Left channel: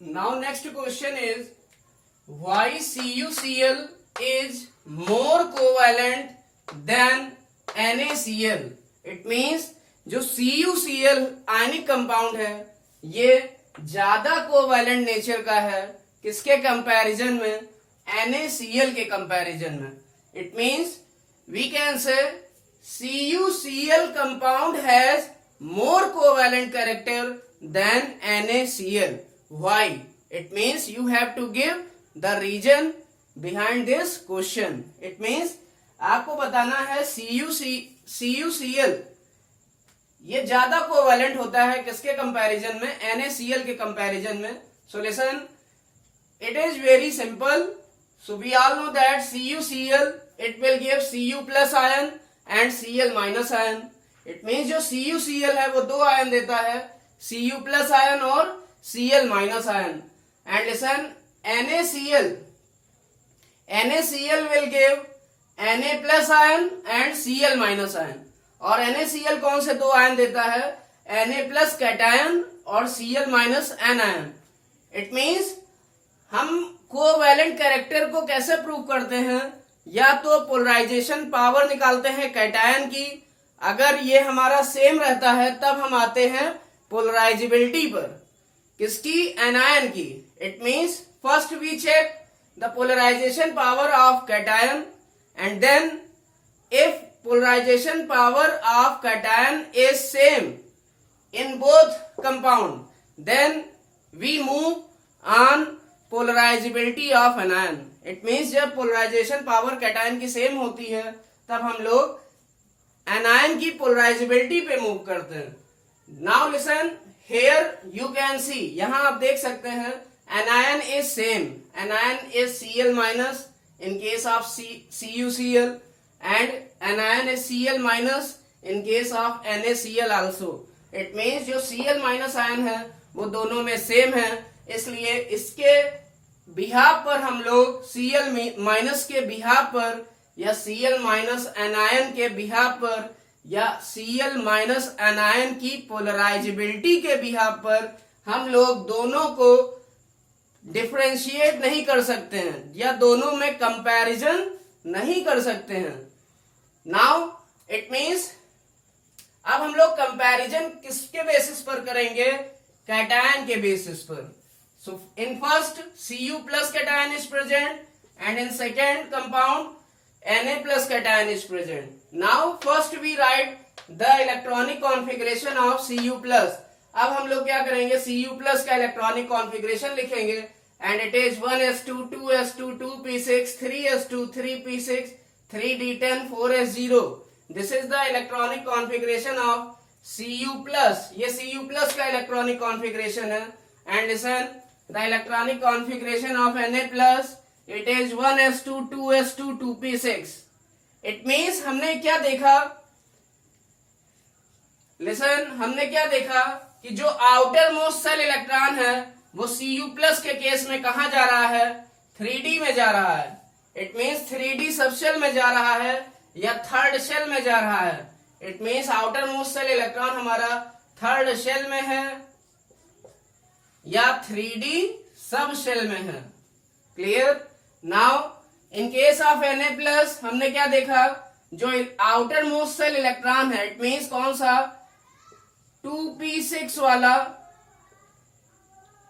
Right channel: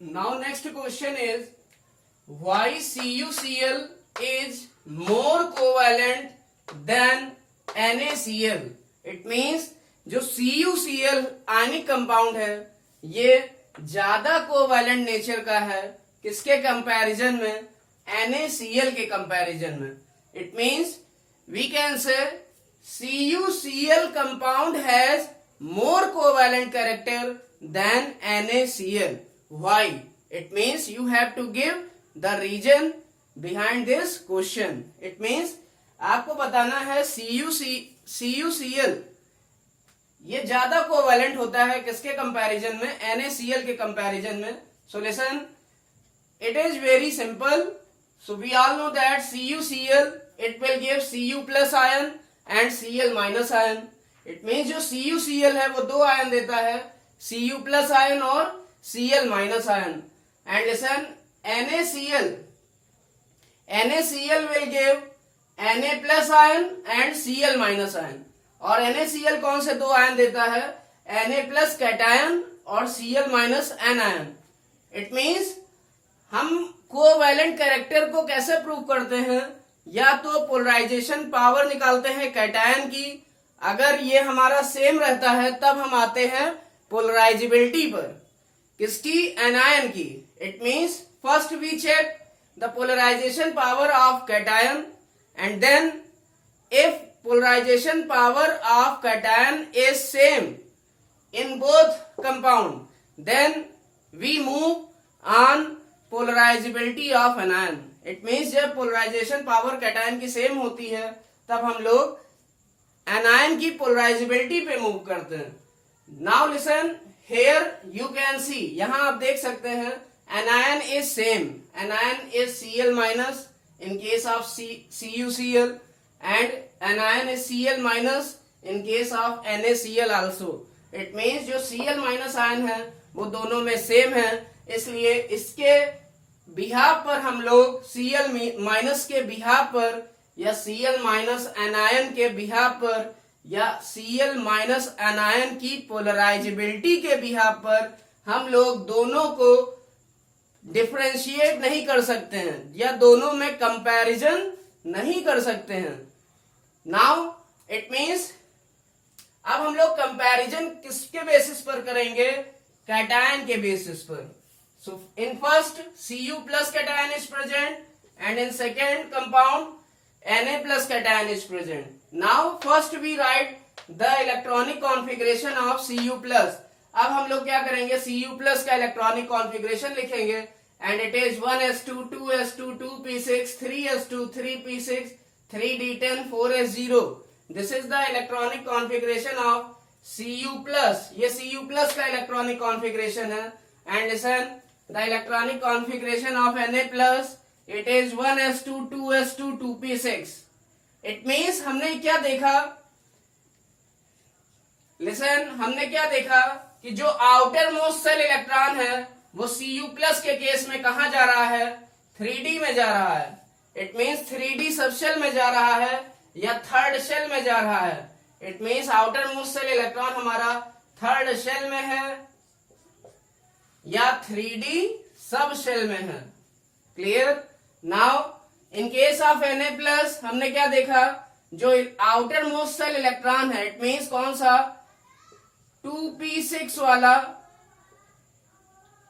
Now next question is why CuCl is more covalent than NaCl. It means जो CuCl ionic compound है ये ज्यादा covalent nature का है किसके कंपैरिजन में, NaCl के कंपैरिजन में. It means we can say CuCl compound has more covalent character than NaCl. Why? It means you have to give the reason behind this question. It means आपको बताना है CuCl ये ज्यादा covalent होता है किसके कंपैरिजन में, NaCl के कंपैरिजन में. So listen, it is very simple. So we all know that CuCl it will give Cu plus ion and Cl minus ion. It means जो CuCl है वो दो आयन देता है, Cu plus ion और Cl minus ion. And listen, NaCl will give Na plus ion and Cl minus ion. और NaCl कौन से दो आयन देता है, Na plus कैटायन और Cl minus anion. It means हम कोवैलेंट कैरेक्टर को कैसे प्रूव करते हैं, या तो पोलराइजेशन पावर निकालते हैं कैटायन की, अगर ये हमारा सेम रहता है तब हम आते हैं पोलराइजेबिलिटी पर, किसकी, एनायन की. It means first we check the polarisation power of cation and then if polarisation power of cation is same in both compound then we move on polarisability of anion. It means जब polarisation power cation की same होती है तब हम लोग anion की polarisability पे move करते हैं. Now listen, here you can see, यहां आप देख सकते हैं anion is same, anion is Cl minus in case of CuCl and anion is Cl minus in case of NaCl also. It means जो Cl minus ion है वो दोनों में सेम है, इसलिए इसके बिहाफ पर हम लोग Cl माइनस के बिहाफ पर या Cl माइनस एनायन के बिहाफ पर या Cl माइनस एनायन की पोलराइजेबिलिटी के बिहाफ पर हम लोग दोनों को डिफरेंशिएट नहीं कर सकते हैं या दोनों में कंपैरिजन नहीं कर सकते हैं. नाउ इट मीन्स अब हम लोग कंपैरिजन किसके बेसिस पर करेंगे, कैटायन के बेसिस पर. So in first Cu plus cation is present and in second compound Na plus cation is present. Now first we write the electronic configuration of Cu plus. अब हम लोग क्या करेंगे, Cu plus का electronic configuration लिखेंगे and it is 1s2 2s2 2p6 3s2 3p6 3d10 4s0. This is the electronic configuration of Cu plus. ये Cu plus का electronic configuration है. And listen, the electronic configuration of Na plus it is 1s2 2s2 2p6. It means हमने क्या देखा, listen, हमने क्या देखा कि जो आउटर मोस्ट सेल इलेक्ट्रॉन है वो Cu प्लस के केस में कहा जा रहा है, 3d में जा रहा है. इट मीन्स 3d सब शेल में जा रहा है या थर्ड शेल में जा रहा है. It means outer most shell electron हमारा थर्ड शेल में है या 3d सब शेल में है. Clear. Now in case of Na plus हमने क्या देखा, जो आउटर मोस्ट सेल इलेक्ट्रॉन है इट मीन्स कौन सा, 2p6 वाला,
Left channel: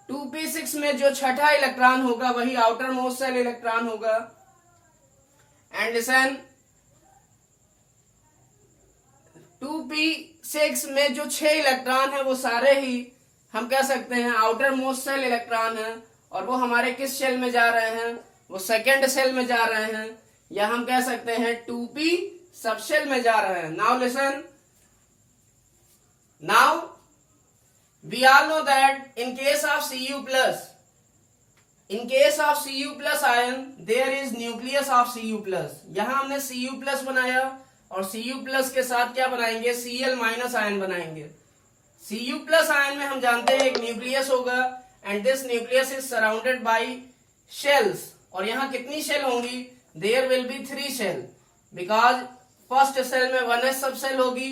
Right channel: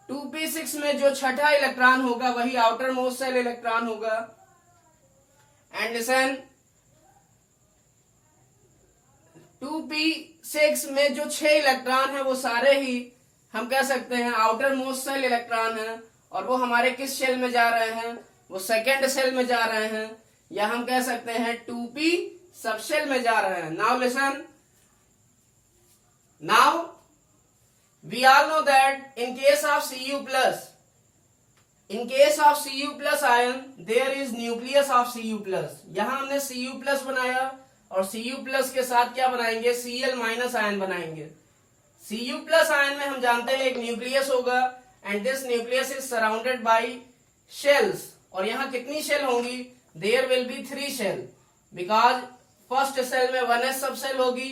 2p6 में जो छठा इलेक्ट्रॉन होगा वही आउटर मोस्ट सेल इलेक्ट्रॉन होगा. एंड लिसन, 2p6 में जो 6 इलेक्ट्रॉन है वो सारे ही हम कह सकते हैं आउटर मोस्ट सेल इलेक्ट्रॉन है और वो हमारे किस शेल में जा रहे हैं, वो सेकेंड शेल में जा रहे हैं या हम कह सकते हैं 2p सब शेल में जा रहे हैं. Now listen, now we all know that in case of Cu plus, in case of Cu plus ion there is nucleus of Cu plus. यहां हमने Cu प्लस बनाया और Cu प्लस के साथ क्या बनाएंगे, Cl माइनस आयन बनाएंगे. Cu plus ion में हम जानते हैं एक न्यूक्लियस होगा and this nucleus is surrounded by shells. और यहाँ कितनी शेल होंगी, there will be 3 shell because first shell में 1s सब शेल होगी,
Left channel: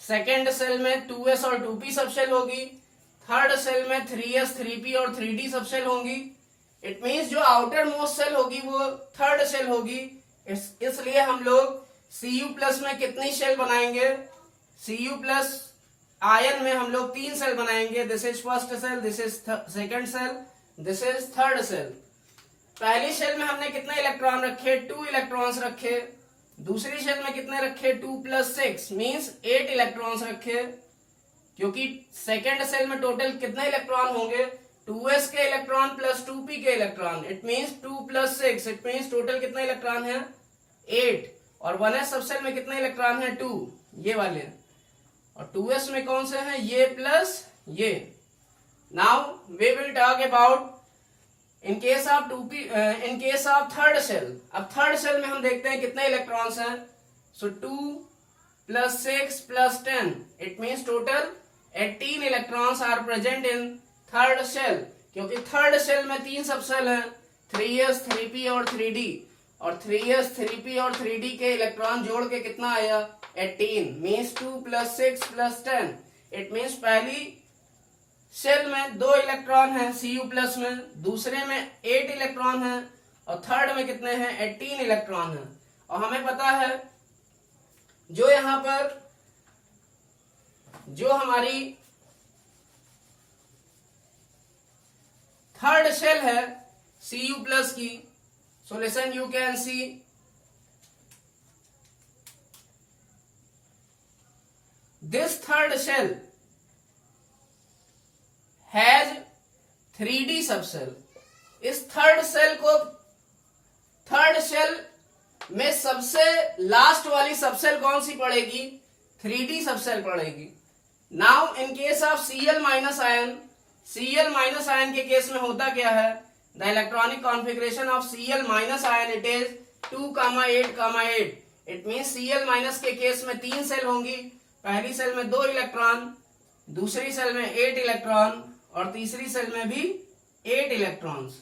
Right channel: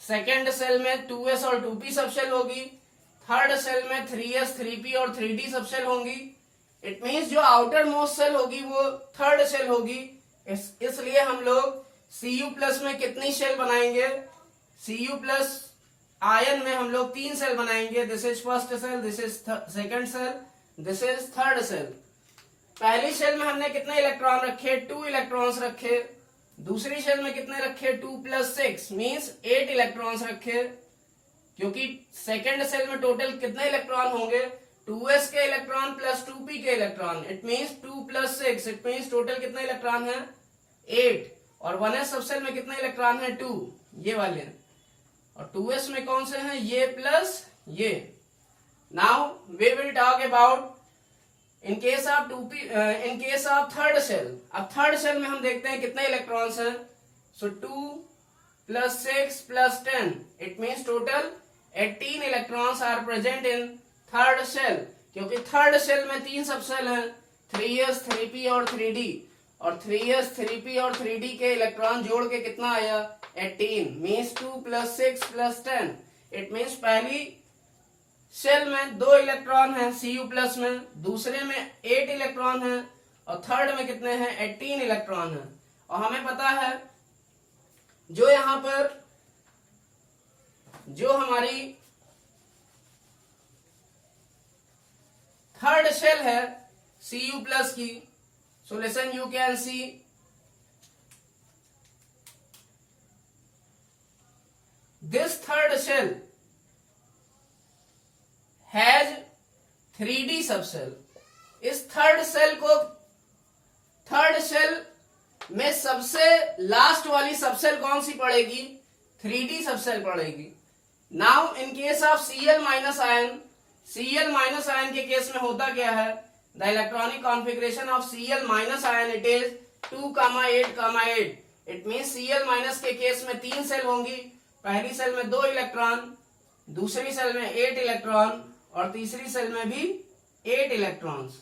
सेकेंड सेल में 2s और 2p सब शेल होगी, थर्ड सेल में 3s 3p और 3d सब सेल होंगी। इट मीन्स जो आउटर मोस्ट सेल होगी वो थर्ड सेल होगी। इसलिए हम लोग Cu प्लस में कितनी सेल बनाएंगे? Cu प्लस आयन में हम लोग 3 सेल बनाएंगे। This is first shell, this is second shell, this is third shell. पहली सेल में हमने कितने इलेक्ट्रॉन रखे? 2 इलेक्ट्रॉन्स रखे। दूसरी सेल में कितने रखे? 2 + 6 मीन्स 8 इलेक्ट्रॉन्स रखे, क्योंकि सेकेंड सेल में टोटल कितने इलेक्ट्रॉन होंगे? 2s के इलेक्ट्रॉन प्लस 2p के electron. It means 2 + 6, it means total कितने इलेक्ट्रॉन है? 8। और 1s सब सेल में कितने इलेक्ट्रॉन है? 2, ये वाले। और 2s में कौन से हैं? ये प्लस ये। Now we will talk about in case of third shell. अब थर्ड सेल में हम देखते हैं कितने इलेक्ट्रॉन्स हैं। So 2 + 6 + 10, it means total 18 electrons are present in third shell, क्योंकि थर्ड सेल में 3 सब सेल हैं, 3s 3p और 3d। और 3s 3p और 3d के इलेक्ट्रॉन जोड़ के कितना आया? 18 मीन्स 2 + 6 + 10। इट मीन्स पहली सेल में 2 इलेक्ट्रॉन है Cu प्लस में, दूसरे में 8 इलेक्ट्रॉन है और थर्ड में कितने हैं? 18 इलेक्ट्रॉन है। और हमें पता है जो यहां पर जो हमारी थर्ड सेल है Cu प्लस की, so listen you can see this third shell has 3d subshell. इस थर्ड सेल में सबसे लास्ट वाली सबसेल कौन सी पड़ेगी? 3d सबसेल पड़ेगी। Now in case of Cl minus ion के केस में होता क्या है? The electronic configuration of Cl minus ion it is 2,8,8। It means Cl minus के केस में 3 सेल होंगी। पहली सेल में 2 इलेक्ट्रॉन, दूसरी सेल में 8 इलेक्ट्रॉन और तीसरी सेल में भी 8 इलेक्ट्रॉन्स।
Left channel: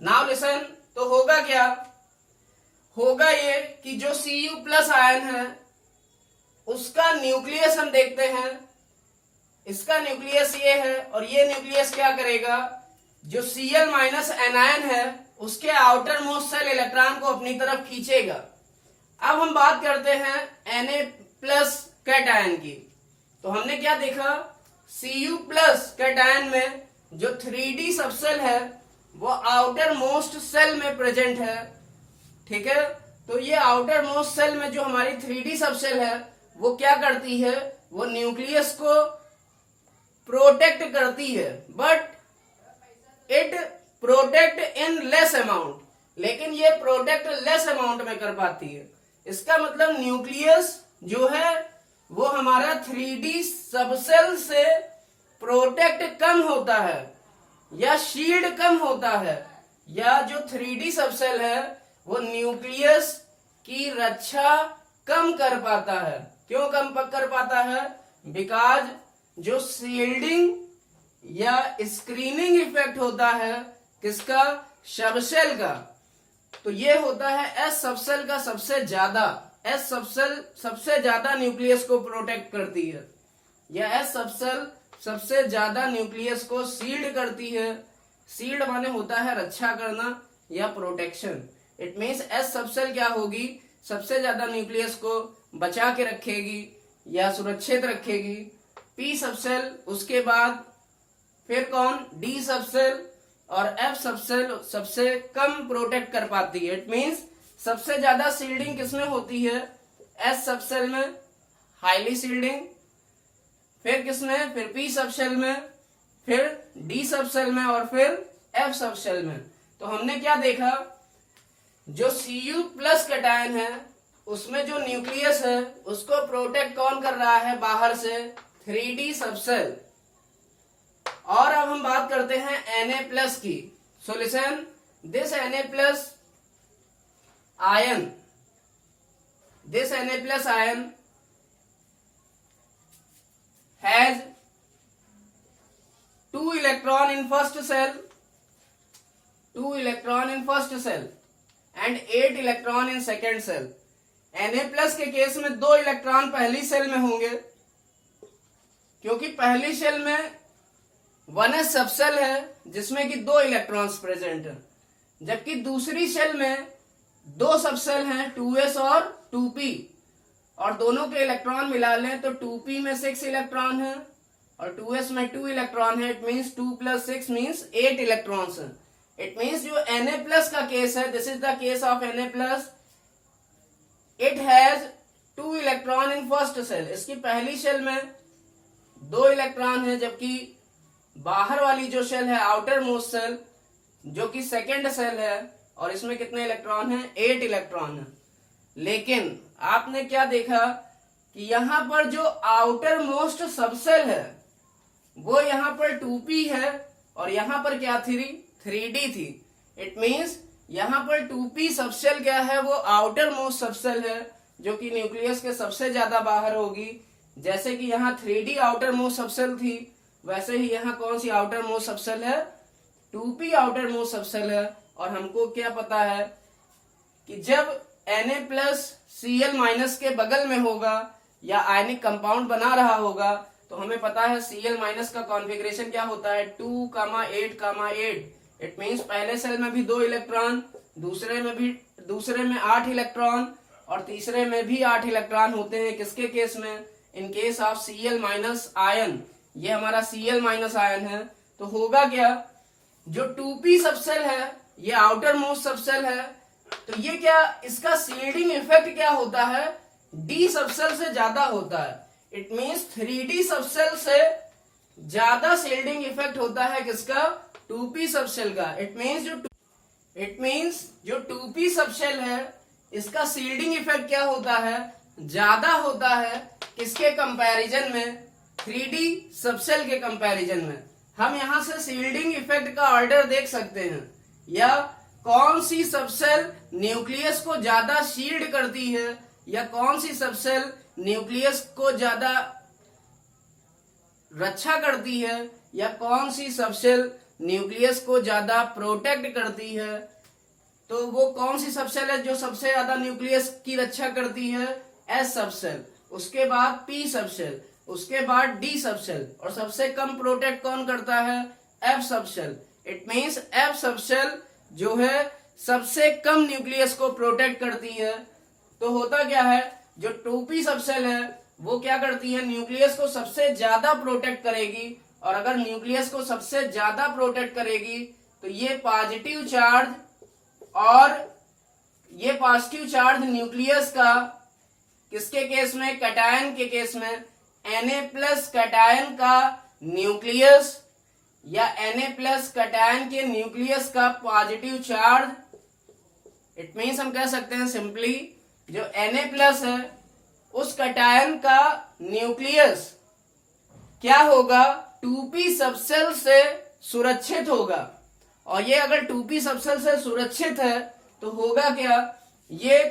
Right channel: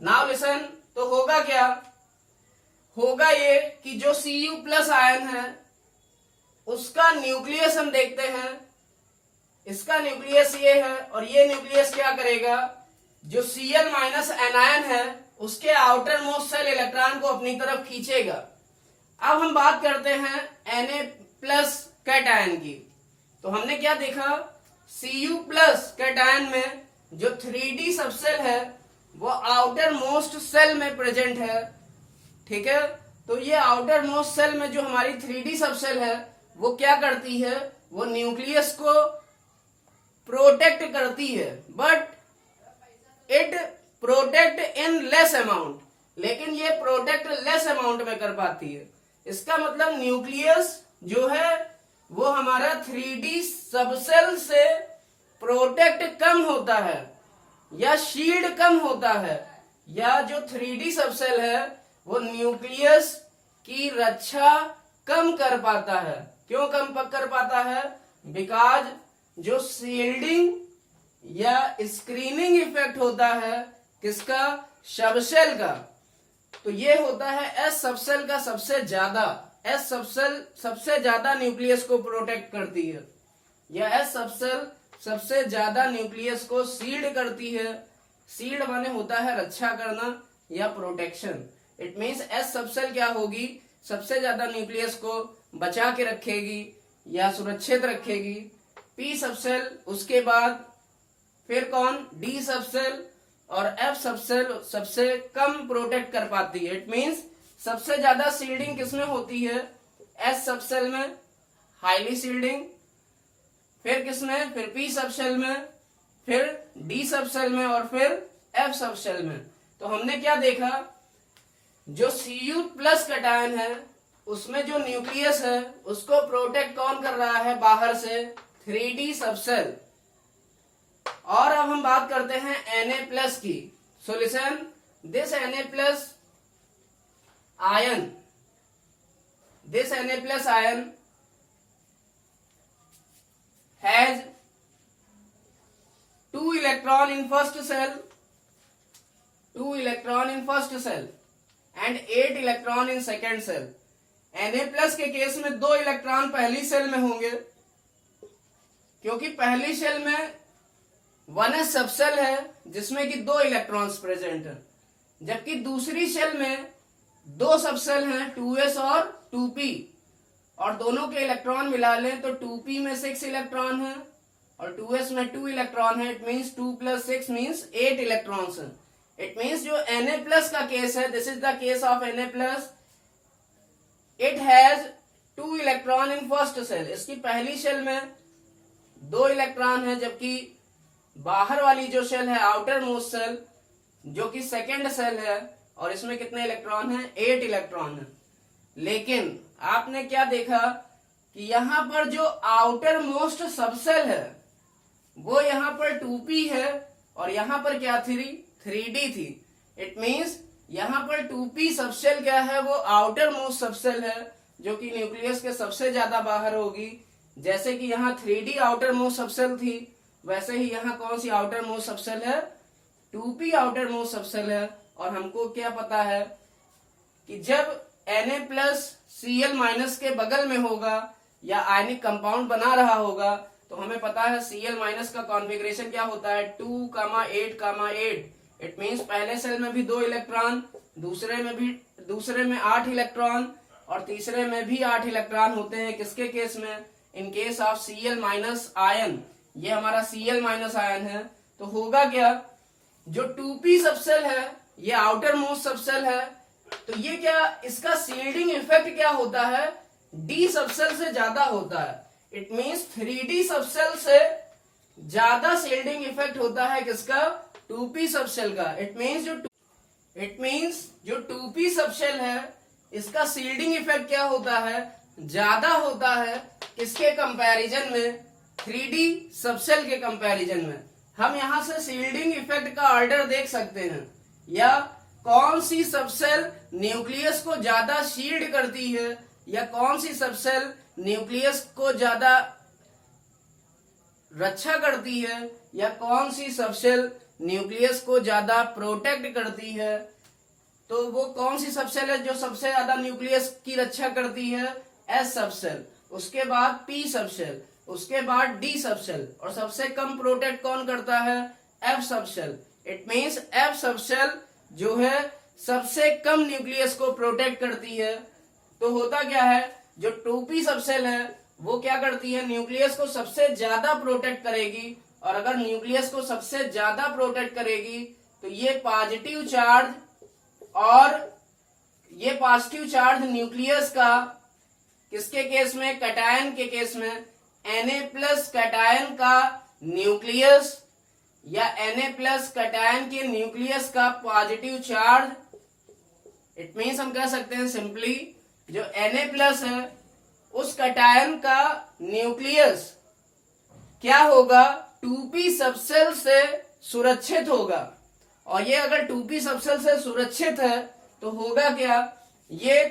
नाउ लिसन, तो होगा क्या? होगा ये कि जो Cu प्लस आयन है उसका न्यूक्लियस हम देखते हैं। इसका न्यूक्लियस ये है और ये न्यूक्लियस क्या करेगा? जो Cl माइनस एनायन है उसके आउटर मोस्ट सेल इलेक्ट्रॉन को अपनी तरफ खींचेगा। अब हम बात करते हैं Na प्लस कैटायन की। तो हमने क्या देखा? Cu प्लस कैटायन में जो 3d सबसेल है वो आउटर मोस्ट सेल में प्रेजेंट है। ठीक है, तो ये आउटर मोस्ट सेल में जो हमारी 3d सबसेल है वो क्या करती है? वो न्यूक्लियस को प्रोटेक्ट करती है, but it protect in less amount. लेकिन ये प्रोटेक्ट लेस अमाउंट में कर पाती है। इसका मतलब न्यूक्लियस जो है वो हमारा 3d सबसेल से प्रोटेक्ट कम होता है या शील्ड कम होता है, या जो 3d सबसेल है वो न्यूक्लियस की रक्षा कम कर पाता है। क्यों कम कर पाता है? बिकॉज जो शील्डिंग या स्क्रीनिंग इफेक्ट होता है किसका? सबसेल का। तो ये होता है एस सबसेल का सबसे ज्यादा। एस सबसेल सबसे ज्यादा न्यूक्लियस को प्रोटेक्ट करती है, या एस सबसेल सबसे ज्यादा न्यूक्लियस को सील्ड करती है। सील्ड माने होता है रक्षा करना या protection. It means S subshell क्या होगी? सबसे ज्यादा न्यूक्लियस को बचा के रखेगी या सुरक्षित रखेगी। पी सबसेल, उसके बाद फिर कौन? डी सबसेल और एफ सबसेल सबसे कम प्रोटेक्ट कर पाती है। इट मीन्स सबसे ज्यादा सील्डिंग किसमें होती है? एस सबसेल में, हाईली सील्डिंग। फिर किसमें? फिर पी सबसेल में, फिर डी सबसेल में और फिर एफ सबसेल में। तो हमने क्या देखा? जो Cu प्लस कैटायन है उसमें जो न्यूक्लियस है उसको प्रोटेक्ट कौन कर रहा है? बाहर से 3d सबसेल। और अब हम बात करते हैं Na प्लस की। So listen, this Na plus ion, has 2 electron in first cell, and 8 electron in second cell. Na plus के केस में 2 इलेक्ट्रॉन पहली सेल में होंगे क्योंकि पहली शेल में 1s सबसेल है जिसमें कि 2 इलेक्ट्रॉन्स प्रेजेंट है, जबकि दूसरी शेल में 2 सबसेल हैं 2s और 2p, और दोनों के इलेक्ट्रॉन मिला लें तो 2p में 6 इलेक्ट्रॉन है और 2s में 2 इलेक्ट्रॉन है। इट मीन्स 2 + 6 मीन्स 8 इलेक्ट्रॉन्स है। इट मीन्स जो Na+ का केस है, this is the case of Na+, it has 2 electron in first shell. इसकी पहली शेल में 2 इलेक्ट्रॉन है, जबकि बाहर वाली जो शेल है, आउटर मोस्ट शेल, जो कि सेकेंड शेल है, और इसमें कितने इलेक्ट्रॉन है? 8 इलेक्ट्रॉन है। लेकिन आपने क्या देखा कि यहां पर जो आउटर मोस्ट सबसेल है वो यहां पर 2p है और यहां पर क्या थी? 3d थी। इट मीन्स यहां पर 2p सबसेल क्या है? वो आउटर मोस्ट सबसेल है, जो कि न्यूक्लियस के सबसे ज्यादा बाहर होगी। जैसे कि यहाँ 3d आउटर मोस्ट सबसेल थी, वैसे ही यहाँ कौन सी आउटर मोस्ट सबसेल है? 2p आउटर मोस्ट सबसेल है। और हमको क्या पता है कि जब Na+ Cl- के बगल में होगा या आयनिक कंपाउंड बना रहा होगा, तो हमें पता है Cl- का कॉन्फ़िगरेशन क्या होता है? 2, 8, 8। इट मीन्स पहले सेल में भी 2 इलेक्ट्रॉन, दूसरे में 8 इलेक्ट्रॉन और तीसरे में भी 8 इलेक्ट्रॉन होते हैं। किसके केस में? इन केस ऑफ Cl- आयन। ये हमारा Cl- आयन है। तो होगा क्या? जो 2p सबसेल है ये आउटर मोस्ट सबसेल है, तो ये क्या, इसका शील्डिंग इफेक्ट क्या होता है? d सबसेल से ज्यादा होता है। इट मीन्स 3d सबसेल से ज्यादा शील्डिंग इफेक्ट होता है किसका? 2p सबसेल का। इट मीन्स जो 2p सबसेल है इसका शील्डिंग इफेक्ट क्या होता है? ज्यादा होता है। किसके कंपैरिजन में? 3d सबसेल के कंपैरिजन में। हम यहां से शील्डिंग इफेक्ट का ऑर्डर देख सकते हैं, या कौन सी सबसेल न्यूक्लियस को ज्यादा शील्ड करती है, या कौन सी सबसेल न्यूक्लियस को ज्यादा रक्षा करती है, या कौन सी सबसेल न्यूक्लियस को ज्यादा प्रोटेक्ट करती है। तो वो कौन सी सबसेल है जो सबसे ज्यादा न्यूक्लियस की रक्षा करती है? S सबसेल, उसके बाद P सबसेल, उसके बाद D सबसेल, और सबसे कम प्रोटेक्ट कौन करता है? F subshell. It means F subshell जो है सबसे कम न्यूक्लियस को प्रोटेक्ट करती है। तो होता क्या है? जो 2p सबसेल है वो क्या करती है? न्यूक्लियस को सबसे ज्यादा प्रोटेक्ट करेगी, और अगर न्यूक्लियस को सबसे ज्यादा प्रोटेक्ट करेगी तो ये पॉजिटिव चार्ज न्यूक्लियस का, किसके केस में? कैटायन के केस में। Na+ कैटायन का न्यूक्लियस या Na+ कैटायन के न्यूक्लियस का पॉजिटिव चार्ज। इट मीन्स हम कह सकते हैं सिंपली, जो Na+ है उस कैटायन का न्यूक्लियस क्या होगा? 2p सबसेल से सुरक्षित होगा। और ये अगर 2p सबसेल से सुरक्षित है तो होगा क्या? ये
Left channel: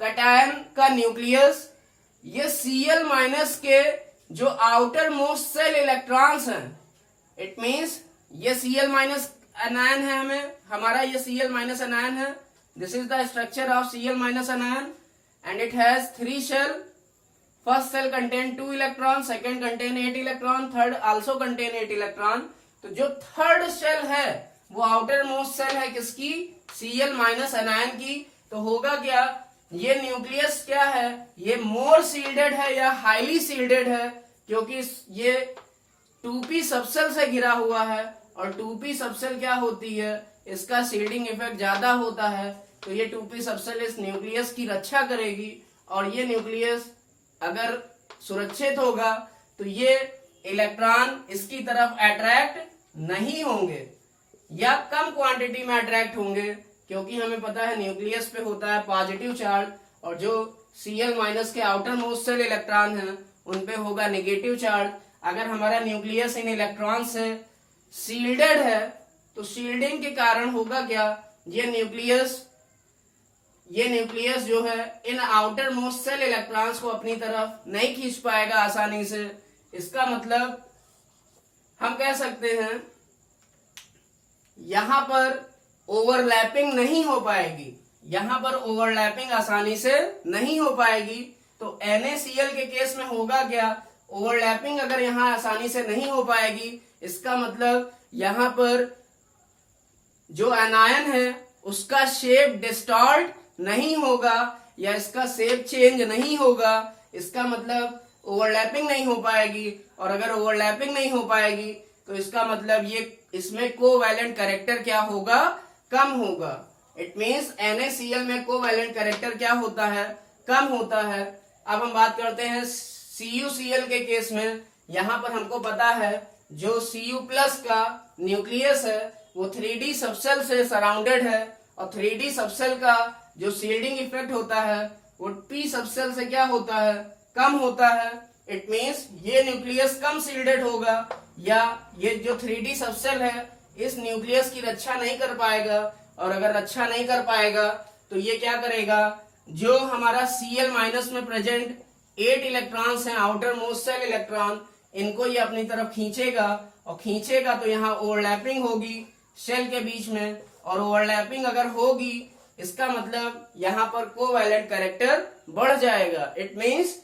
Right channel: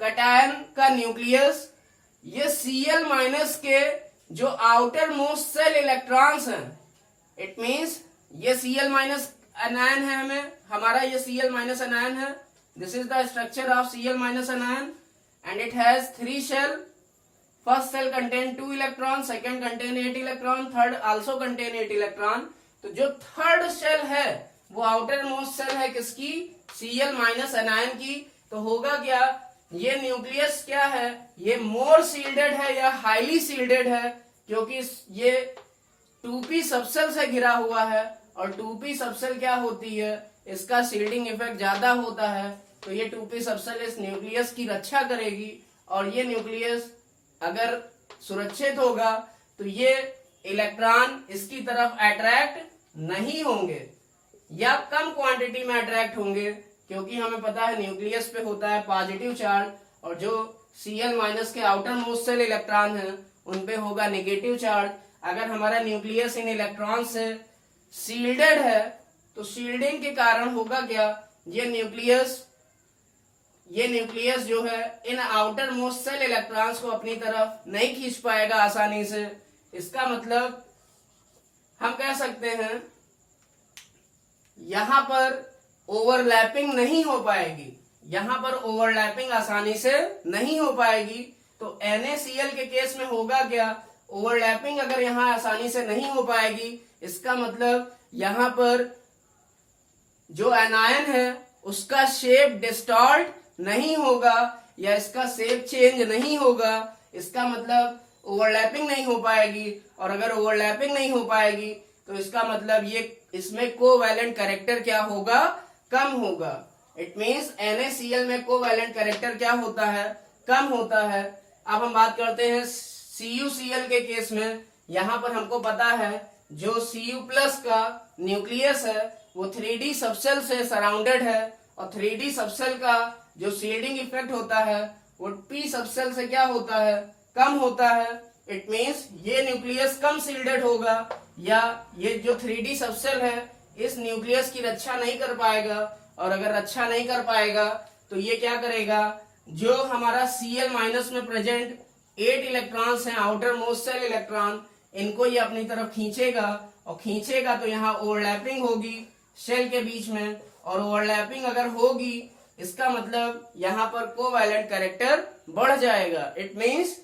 कैटायन का न्यूक्लियस ये Cl- के जो आउटर मोस्ट सेल इलेक्ट्रॉन्स हैं, इट मीन्स ये Cl- एनायन है, हमारा ये Cl- एनायन है। This is the structure of Cl- anion and it has 3 shell. First shell contain 2 electron, second contain 8 electron, third also contain 8 electron. तो जो third shell है वो आउटर मोस्ट सेल है किसकी? Cl- एनायन की। तो होगा क्या? ये न्यूक्लियस क्या है? ये मोर सील्डेड है या हाईली सील्डेड है, क्योंकि ये 2p सबसेल से घिरा हुआ है, और 2p सबसेल क्या होती है? इसका सील्डिंग इफेक्ट ज्यादा होता है। तो ये 2p सबसेल इस न्यूक्लियस की रक्षा करेगी, और ये न्यूक्लियस अगर सुरक्षित होगा तो ये इलेक्ट्रॉन इसकी तरफ अट्रैक्ट नहीं होंगे, या कम क्वांटिटी में अट्रैक्ट होंगे, क्योंकि हमें पता है न्यूक्लियस पे होता है पॉजिटिव चार्ज, और जो Cl- के आउटर मोस्ट सेल इलेक्ट्रॉन हैं उन पे होगा नेगेटिव चार्ज। अगर हमारा न्यूक्लियस इन इलेक्ट्रॉन से सील्डेड है तो शील्डिंग के कारण होगा क्या? ये न्यूक्लियस जो है इन आउटर मोस्ट सेल इलेक्ट्रॉन्स को अपनी तरफ नहीं खींच पाएगा आसानी से। इसका मतलब हम कह सकते हैं यहां पर ओवरलैपिंग नहीं हो पाएगी, यहां पर ओवरलैपिंग आसानी से नहीं हो पाएगी। तो NaCl के केस में होगा क्या? ओवरलैपिंग अगर यहाँ आसानी से नहीं हो पाएगी, इसका मतलब यहाँ पर जो एनायन है उसका शेप डिस्टॉर्ट नहीं होगा या इसका शेप चेंज नहीं होगा, इसका मतलब ओवरलैपिंग नहीं हो पाएगी। और अगर ओवरलैपिंग नहीं हो पाएगी तो इसका मतलब ये इसमें कोवैलेंट कैरेक्टर क्या होगा, कम होगा। इट मीन्स NaCl में कोवैलेंट कैरेक्टर क्या होता है, कम होता है। अब हम बात करते हैं CuCl के केस में। यहाँ पर हमको पता है जो Cu+ का न्यूक्लियस है वो 3D सबसेल से सराउंडेड है और 3D सबसेल का जो शील्डिंग इफेक्ट होता है वो P सबसेल से क्या होता है, कम होता है। इट मीन्स ये न्यूक्लियस कम शील्डेड होगा या ये जो 3D सबसेल है इस न्यूक्लियस की रक्षा नहीं कर पाएगा। और अगर रक्षा नहीं कर पाएगा तो ये क्या करेगा, जो हमारा Cl- में प्रेजेंट 8 इलेक्ट्रॉन्स हैं, आउटर मोस्ट सेल इलेक्ट्रॉन, इनको ये अपनी तरफ खींचेगा और खींचेगा तो यहाँ ओवरलैपिंग होगी शेल के बीच में। और ओवरलैपिंग अगर होगी इसका मतलब यहाँ पर कोवैलेंट कैरेक्टर बढ़ जाएगा। इट मीन्स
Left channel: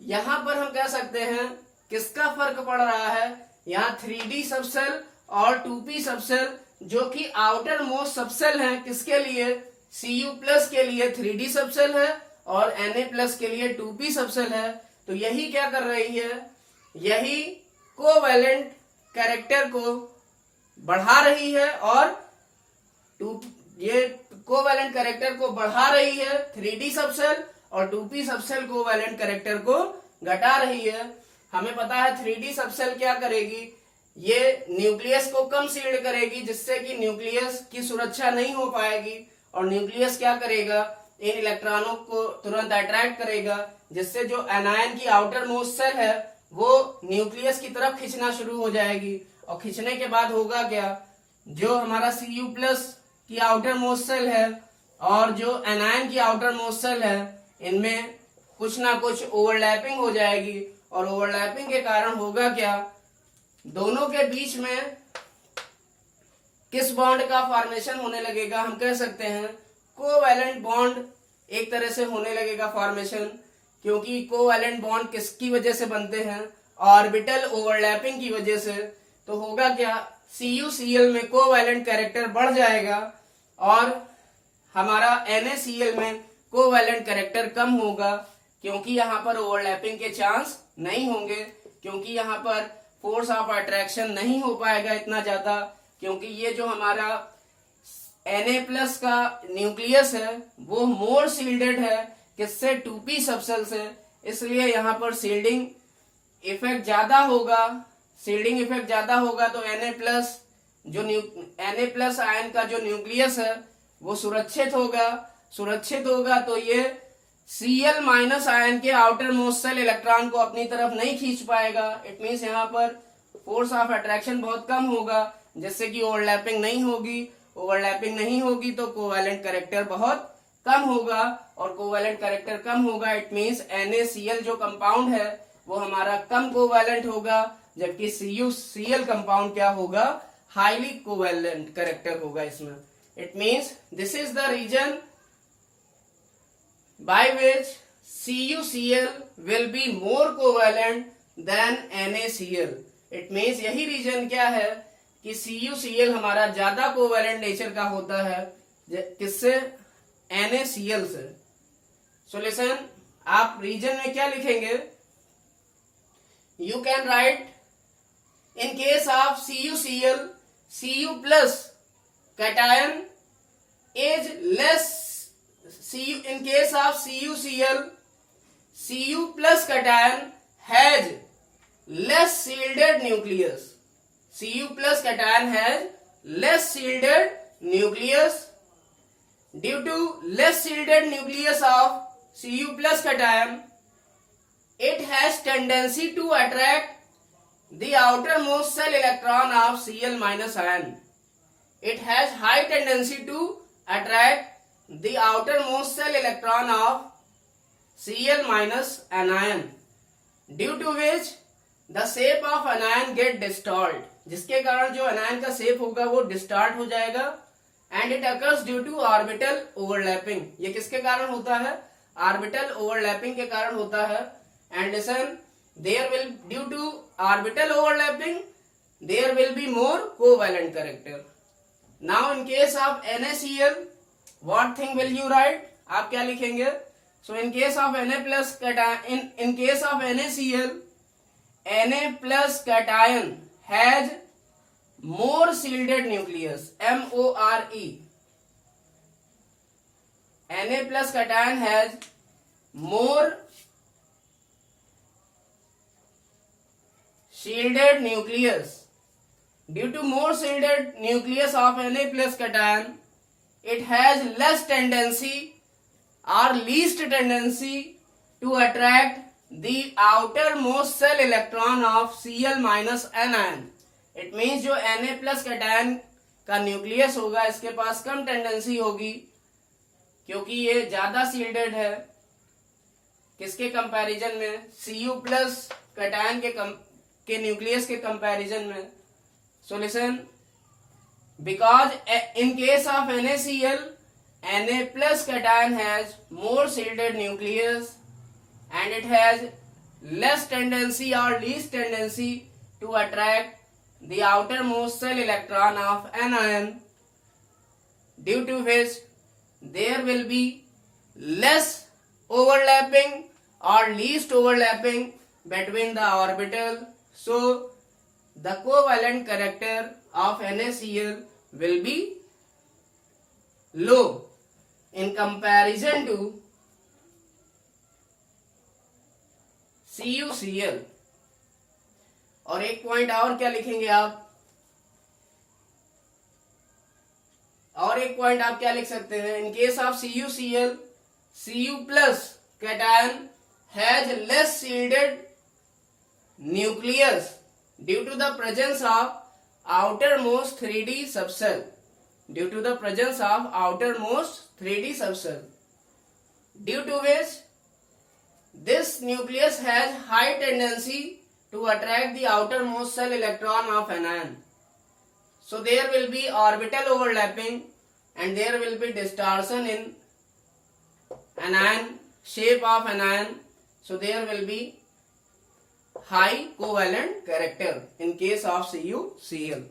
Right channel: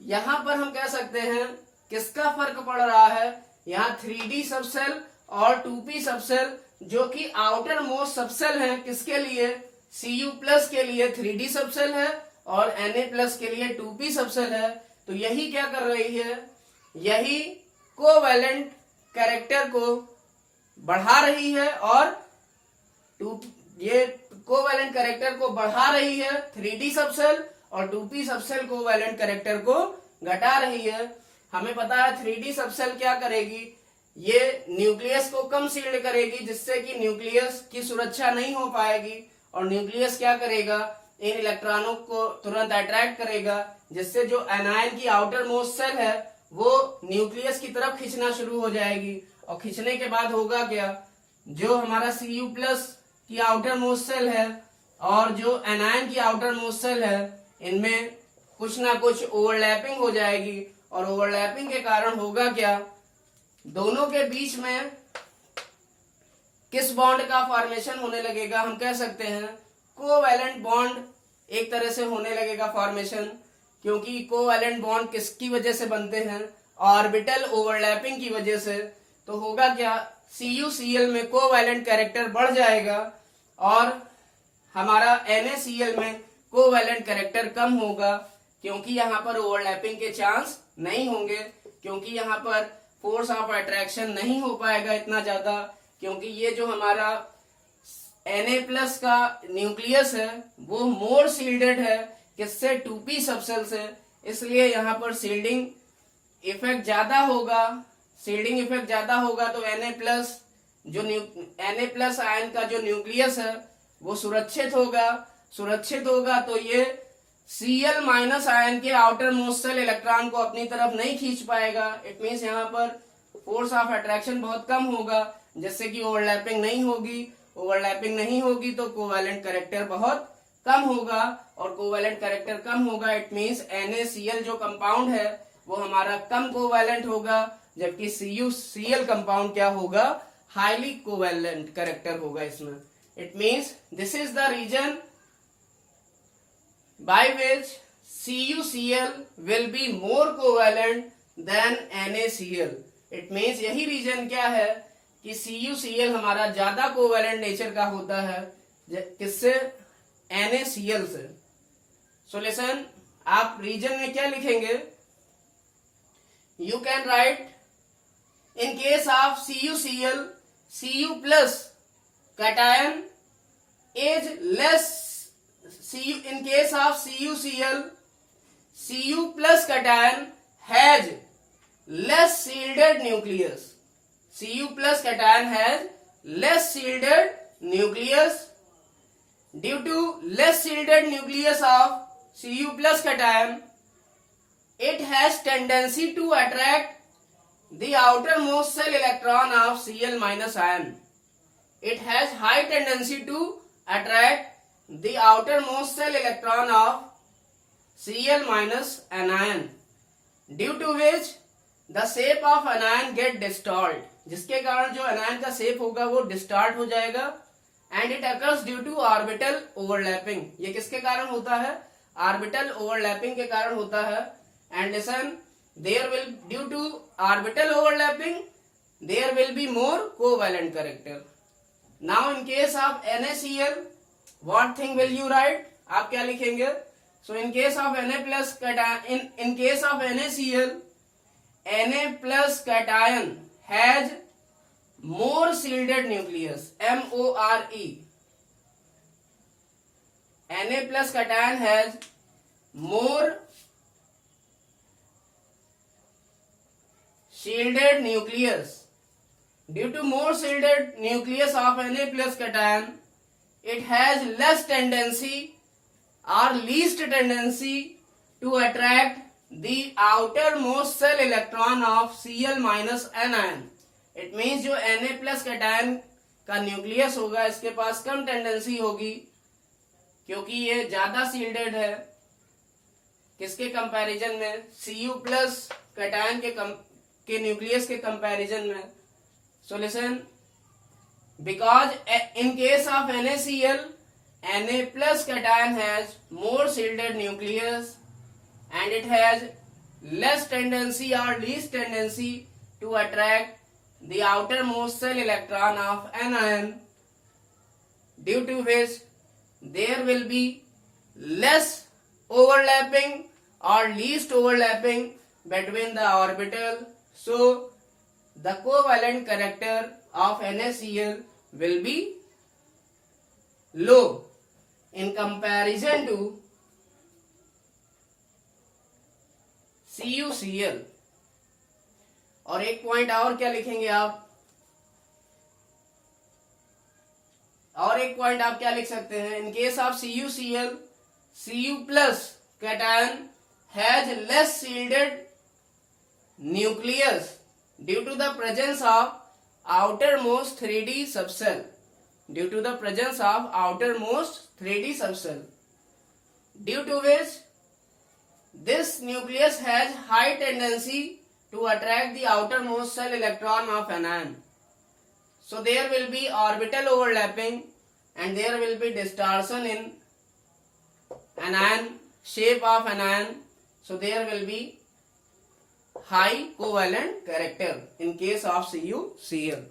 यहाँ पर हम कह सकते हैं किसका फर्क पड़ रहा है, यहाँ 3D सबसेल और 2P सबसेल जो कि आउटर मोस्ट सबसेल है, किसके लिए, Cu+ के लिए 3D सबसेल है और Na+ के लिए 2P सबसेल है। तो यही क्या कर रही है, यही कोवैलेंट कैरेक्टर को बढ़ा रही है और ये कोवैलेंट कैरेक्टर को बढ़ा रही है 3D सबसेल और 2P सबसेल कोवैलेंट कैरेक्टर को घटा रही है। हमें पता है 3D सबसेल क्या करेगी, ये न्यूक्लियस को कम शील्ड करेगी जिससे कि न्यूक्लियस की सुरक्षा नहीं हो पाएगी और न्यूक्लियस क्या करेगा, इन इलेक्ट्रॉनों को तुरंत अट्रैक्ट करेगा जिससे जो एनायन की आउटर मोस्ट सेल है वो न्यूक्लियस की तरफ खींचना शुरू हो जाएगी। और खींचने के बाद होगा क्या, जो हमारा Cu+ की आउटर मोस्ट सेल है और जो एनायन की आउटर मोस्ट सेल है इनमें कुछ ना कुछ ओवरलैपिंग हो जाएगी। और ओवरलैपिंग के कारण होगा क्या, दोनों के बीच में किस बॉन्ड का फॉर्मेशन होने लगेगा, हम कह सकते हैं कोवैलेंट बॉन्ड एक तरह से होने लगेगा फॉर्मेशन। क्योंकि कोवैलेंट बॉन्ड किसकी वजह से बनते हैं, ऑर्बिटल ओवरलैपिंग की वजह से। तो होगा क्या, CuCl में कोवैलेंट कैरेक्टर बढ़ जाएगा और हमारा NaCl में कोवैलेंट कैरेक्टर कम होगा क्योंकि यहाँ पर ओवरलैपिंग के चांस नहीं होंगे, क्योंकि यहाँ पर फोर्स ऑफ अट्रैक्शन नहीं हो पाएगा इतना ज्यादा, क्योंकि ये जो हमारा Na+ का न्यूक्लियस है वो मोर शील्डेड है किससे, 2P सबसेल से, इसलिए यहाँ पर शील्डिंग इफेक्ट ज्यादा होगा। शील्डिंग इफेक्ट ज्यादा होगा तो Na+ जो Na+ आयन का जो न्यूक्लियस है वो सुरक्षित होगा तो ये Cl- आयन के आउटर मोस्ट सेल इलेक्ट्रॉन को अपनी तरफ नहीं खींच पाएगा। इट मीन्स यहाँ पर फोर्स ऑफ अट्रैक्शन बहुत कम होगा जिससे कि ओवरलैपिंग नहीं होगी तो कोवैलेंट कैरेक्टर बहुत कम होगा और कोवैलेंट कैरेक्टर कम होगा। इट मीन्स NaCl जो कंपाउंड है वो हमारा कम कोवैलेंट होगा जबकि CuCl कंपाउंड क्या होगा, हाईली कोवैलेंट कैरेक्टर होगा इसमें। It means this is the reason by which CuCl will be more covalent than NaCl। It means यही रीजन क्या है कि CuCl हमारा ज्यादा कोवैलेंट नेचर का होता है किससे, NaCl से। सॉल्यूशन आप रीजन में क्या लिखेंगे, you can write in case of CuCl, Cu+ cation is less। In case of CuCl, Cu+ cation has less shielded nucleus। Cu+ cation has less shielded nucleus। Due to less shielded nucleus of Cu+ cation, it has tendency to attract the outermost cell electron of Cl- ion। It has high tendency to attract the outermost cell electron of Cl- anion, due to which the shape of anion get distort। जिसके कारण जो anion का shape होगा वो distort हो जाएगा। And it occurs due to orbital overlapping. ये किसके कारण होता है, ऑर्बिटल ओवरलैपिंग के कारण होता है। And listen, there will, due to orbital overlapping, there will be more covalent character. Now in case of NaCl, what thing will you write? आप क्या लिखेंगे? So in case of Na plus cation, in case of NaCl, Na plus cation has more shielded nucleus, more. Na plus cation has more shielded nucleus. Due to more shielded nucleus of Na plus cation, it has less tendency or least tendency to attract the outermost shell electron of Cl minus anion. It means जो Na plus cation का nucleus होगा इसके पास कम tendency होगी क्योंकि ये ज्यादा shielded है किसके कंपैरिजन में, Cu प्लस कैटायन के न्यूक्लियस के कंपैरिजन में. So listen, because in case of NaCl, Na plus cation has more shielded nucleus and it has less tendency or least tendency to attract the outermost shell electron of anion, due to which there will be less overlapping or least overlapping between the orbital. So the covalent character of NaCl will be low in comparison to CuCl. और एक point और क्या लिखेंगे आप, और एक point आप क्या लिख सकते हैं, इन case of CuCl, Cu plus cation has less shielded nucleus due to the presence of outermost 3D subcell. Due to the presence of outermost 3D subcell, due to which this nucleus has high tendency to attract the outermost shell electron of anion. So there will be orbital overlapping and there will be distortion in anion, shape of anion. So there will be high covalent character in case of CuCl.